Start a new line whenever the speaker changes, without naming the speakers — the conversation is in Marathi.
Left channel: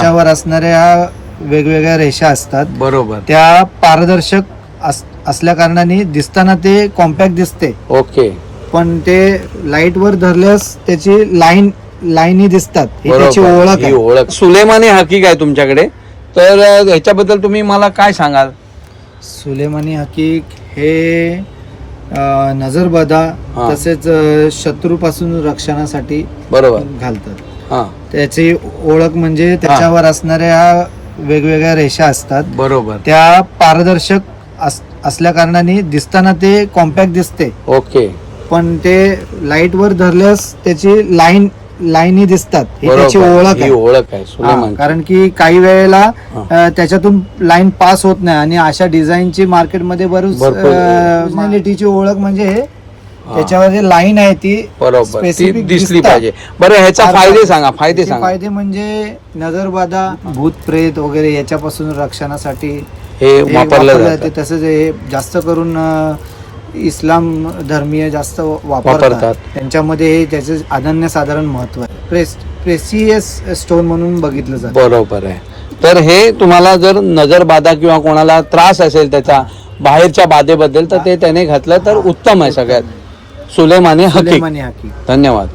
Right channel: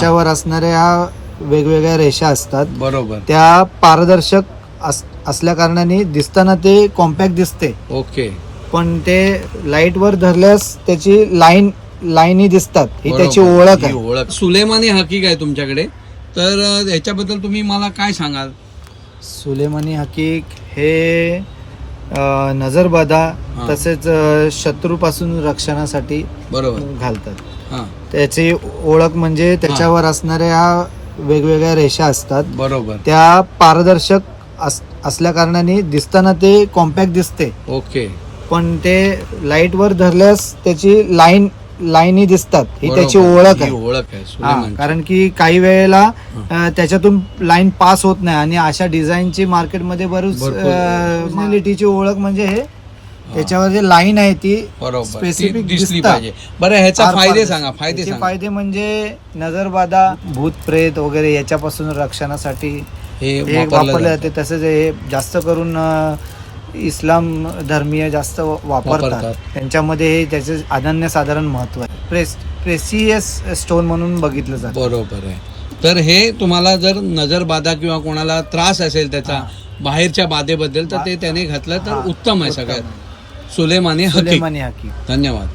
त्याच्यावर असणाऱ्या वेगवेगळ्या रेषा असतात.
बरोबर.
त्या पारदर्शक अस- असल्या कारणाने दिसताना ते कॉम्पॅक्ट दिसते.
ओके.
पण ते लाइट वर धरल्यास त्याची लाईन लाईनी दिसतात. ही त्याची
बरोबर.
ओळख
ही
आहे.
ओळख. सुलेमानी हकीक आहे तुमच्याकडे. तर अ, ह्याच्याबद्दल तुम्ही मला काय सांगाल?
सुलेमानी हकीक हे नजरबाधा
हा.
तसेच अं, शत्रूपासून रक्षणासाठी
बरोबर.
घालतात. त्याची ओळख म्हणजे त्याच्यावर असणाऱ्या वेगवेगळ्या रेषा असतात.
बरोबर.
त्या पारदर्शक अस- असल्या कारणाने दिसताना ते कॉम्पॅक्ट दिसते.
ओके.
पण ते लाइट वर धरल्यास त्याची लाईन लाईनी दिसतात. ही त्याची. ओळख आहे.
ओळख आहे सुलेमान
कारण की काही वेळेला त्याच्यातून लाईन पास होत नाही आणि अशा डिझाईनची मार्केटमध्ये बरीच ओळख म्हणजे हे त्याच्यावर जे लाईन आहे ती
बरोबर ती
specific
दिसली. पाहिजे. बरं ह्याचा
फार
फायदे सांगा फायदे
त्याचे
सांगा.
फायदे म्हणजे नजरबाधा भूत प्रेत वगैरे याच्यापासून रक्षणासाठी
हे
हे
वापरलं
वापरलं
जातं.
जाते. तसंच हे जास्त करून अ, इस्लाम धर्मीय जास्त
वापरतात.
वापरतात. त्यांच्यामध्ये हे त्याचे अनन्य साधारण महत्त्व आहे. प्रेस प्रेसियस स्टोन म्हणून बघितलं जातं.
बरोबर आहे. तर हे तुम्हाला जर नजरबाधा किंवा कोणाला त्रास असेल त्याचा बाहेरच्या बाधेबद्दल तर ते त्याने घातलं तर उत्तम आहे सगळ्यात.
सुलेमानी हकीक
धन्यवाद.